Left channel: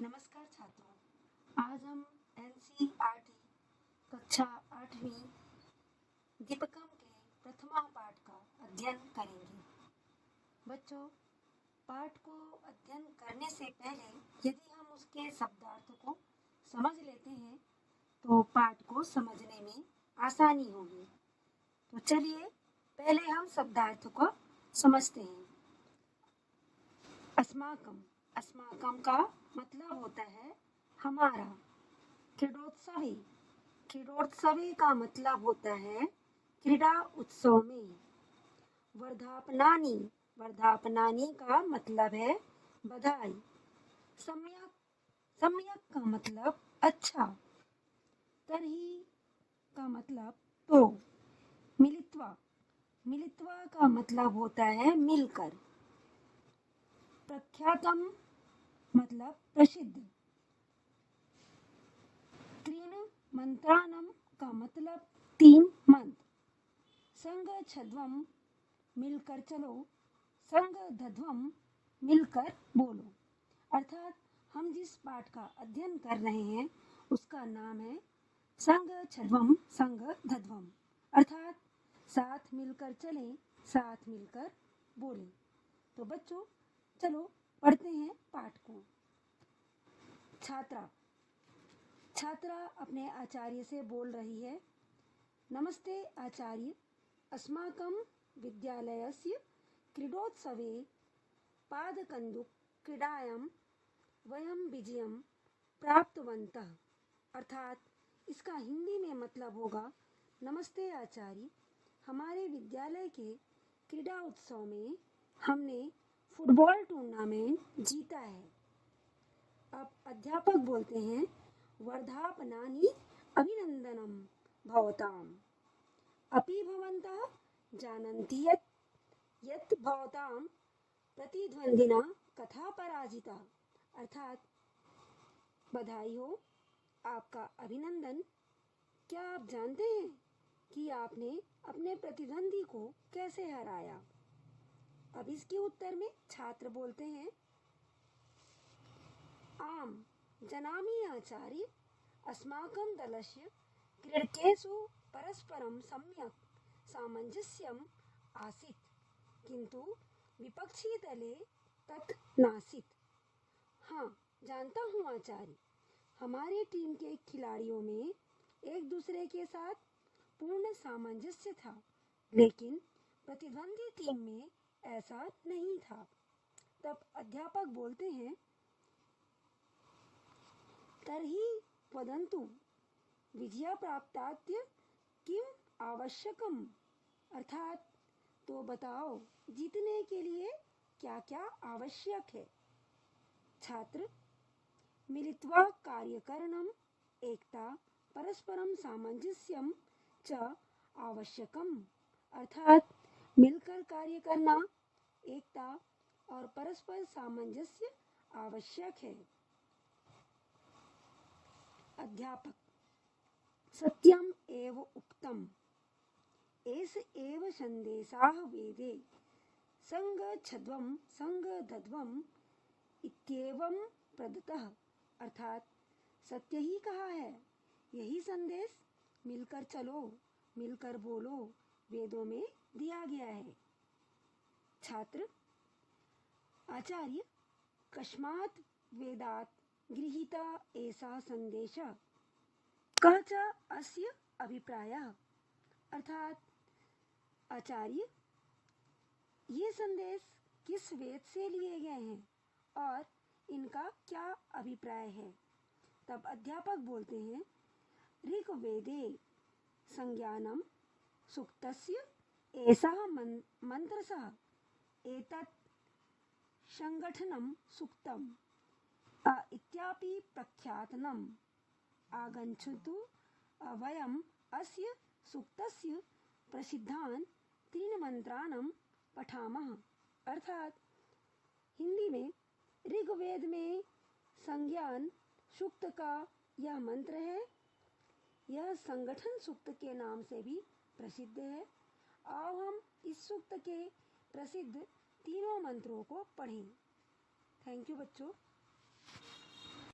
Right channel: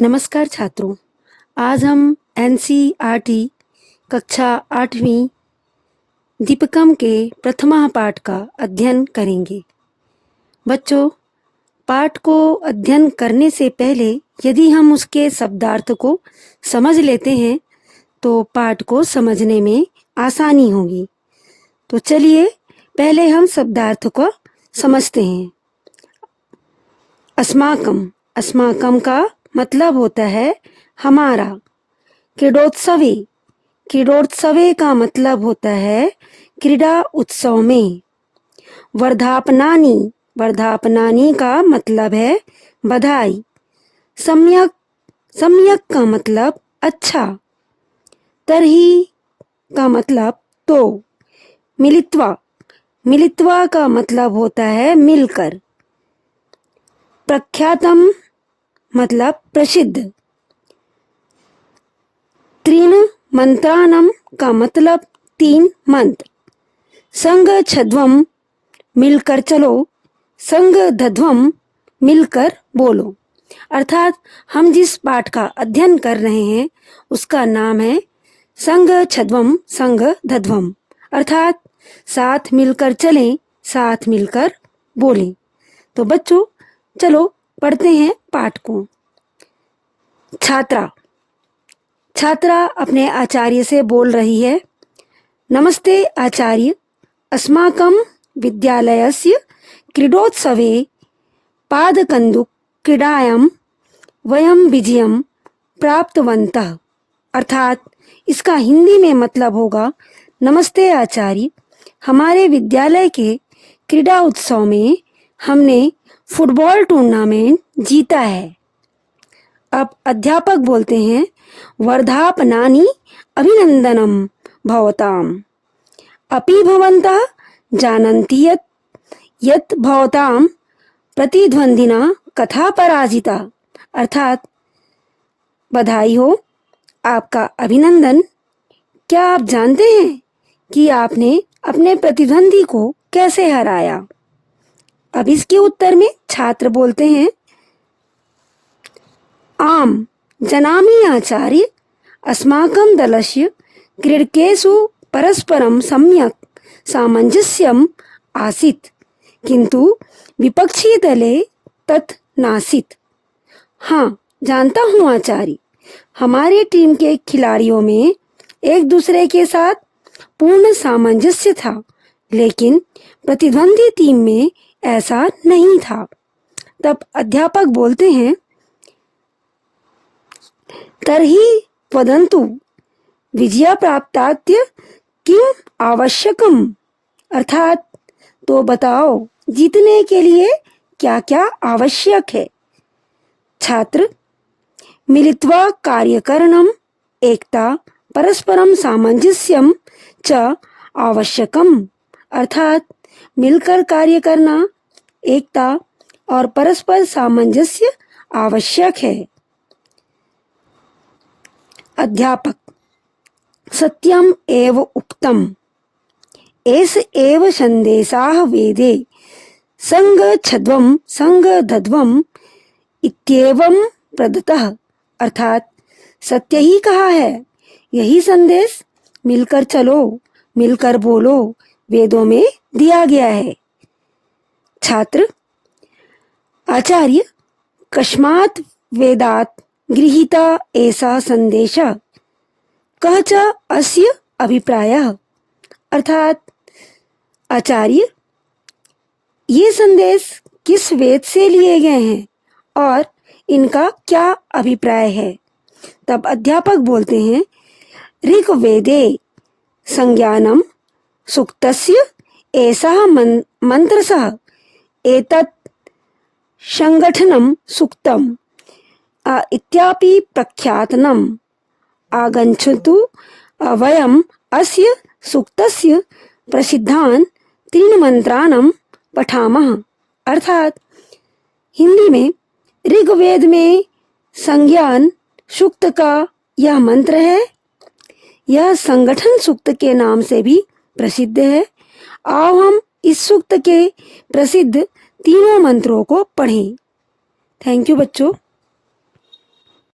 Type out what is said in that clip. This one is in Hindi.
नमस्कार छात्रों, आज हम एनसीईआरटी कक्षा 8वीं दीपकम के प्रथमा पाठ का अध्ययन करेंगे। बच्चों, पाठ को अध्ययन करने से पहले यदि हम उसके शब्दार्थ को समझ लेते हैं तो पाठ को समझने में आसानी होगी। तो चलिए पहले हम शब्दार्थ को समझते हैं। अस्माकम, अस्माकम का मतलब होता है हमारा। क्रीडोत्सवे, क्रीडोत्सवे का मतलब होता है क्रीड़ा उत्सव में। वर्धापनानि, वर्धापनानि का मतलब है बधाई। सम्यक, सम्यक का मतलब अच्छा। तरही का मतलब तो। मिलित्वा, मिलित्वा का मतलब होता है मिलकर। प्रख्यातम मतलब प्रसिद्ध। त्रीन मंत्राणम का मतलब 3 मंत्र। संग छद्वम मिलकर चलो, संग धध्वम मिलकर बोलो। अर्थात हम जिस पाठ का अध्ययन कर रहे हैं उसका नाम है संग छद्वम संग धध्वम, अर्थात साथ मिलकर चलें, साथ मिलकर बोलें। तो बच्चों चलो पढ़ते हैं पाठ को। छात्रा, छात्रा अपने आचार्य से बोल रही है, नमस्ते आचार्य, अस्माकं विद्यालयस्य क्रीडोत्सवे पादकन्दुक क्रीडायां वयं विजयं प्राप्तवन्तः। अर्थात इसका हिंदी में मतलब होगा, नमस्ते आचार्य, हमारे विद्यालय के क्रीड़ा उत्सव में हमने फुटबॉल टूर्नामेंट जीता है। अब अध्यापक बोलते हैं, वर्धापनानि अभिनंदनम भवताम। अपि भवन्तः जानन्ति यत् भवतां प्रतिद्वंदिना कथा पराजिता। अर्थात बधाई हो, आपका अभिनंदन। क्या आप जानते हैं कि आपने अपने प्रतिद्वंदी को कैसे हराया? अब इसके उत्तर में छात्र बोलते हैं, आम जनामि आचार्य, अस्माकं दलस्य क्रीडकेषु परस्परं सम्यक् सामञ्जस्यम् आसीत्, किन्तु विपक्षीदले तत् नासीत्। हाँ, जानता हूँ आचार्य, हमारी टीम के खिलाड़ियों में एक दूसरे के साथ पूर्ण सामंजस्य था, लेकिन प्रतिद्वंदी टीम में ऐसा नहीं था। तब अध्यापक बोलते हैं, तर्हि वदन्तु विजय प्राप्ताय किम आवश्यकम। अर्थात तो बताओ जीतने के लिए क्या क्या आवश्यक है। छात्र, मिलित्वा कार्यकरणम, एकता, परस्परम सामंजस्यम च आवश्यकम। अर्थात मिलकर कार्य करना, एकता और परस्पर सामंजस्य आवश्यक है। अध्यापक, सत्यम एव उक्तम, एस एव संदेशाः वेदे संग छद्वम संग धध्वम इत्येवं प्रदत्तः। अर्थात सत्य ही कहा है, यही संदेश मिलकर चलो, मिलकर बोलो वेदों में दिया गया है। छात्र, आचार्य, कस्मात् वेदात् गृहीता ऐसा संदेशः, कः च अस्य अभिप्रायः। अर्थात आचार्य, ये संदेश किस वेद से लिए गए हैं और इनका क्या अभिप्राय है। तब अध्यापक बोलते हैं, ऋग्वेदे संज्ञानम सूक्तस्य एषः मंत्रसः एतत् संगठनं सूक्तम् इत्यापि प्रख्यातनम् आगच्छतु वयम् अस्य सूक्तस्य प्रसिद्धान् 3 मंत्राणं पठामः। अर्थात हिंदी में ऋग्वेद में संज्ञान सूक्त का यह मंत्र है, यह संगठन सूक्त के नाम से भी प्रसिद्ध है। आओ हम इस सूक्त के प्रसिद्ध 3 मंत्रों को पढ़ें। थैंक यू बच्चों।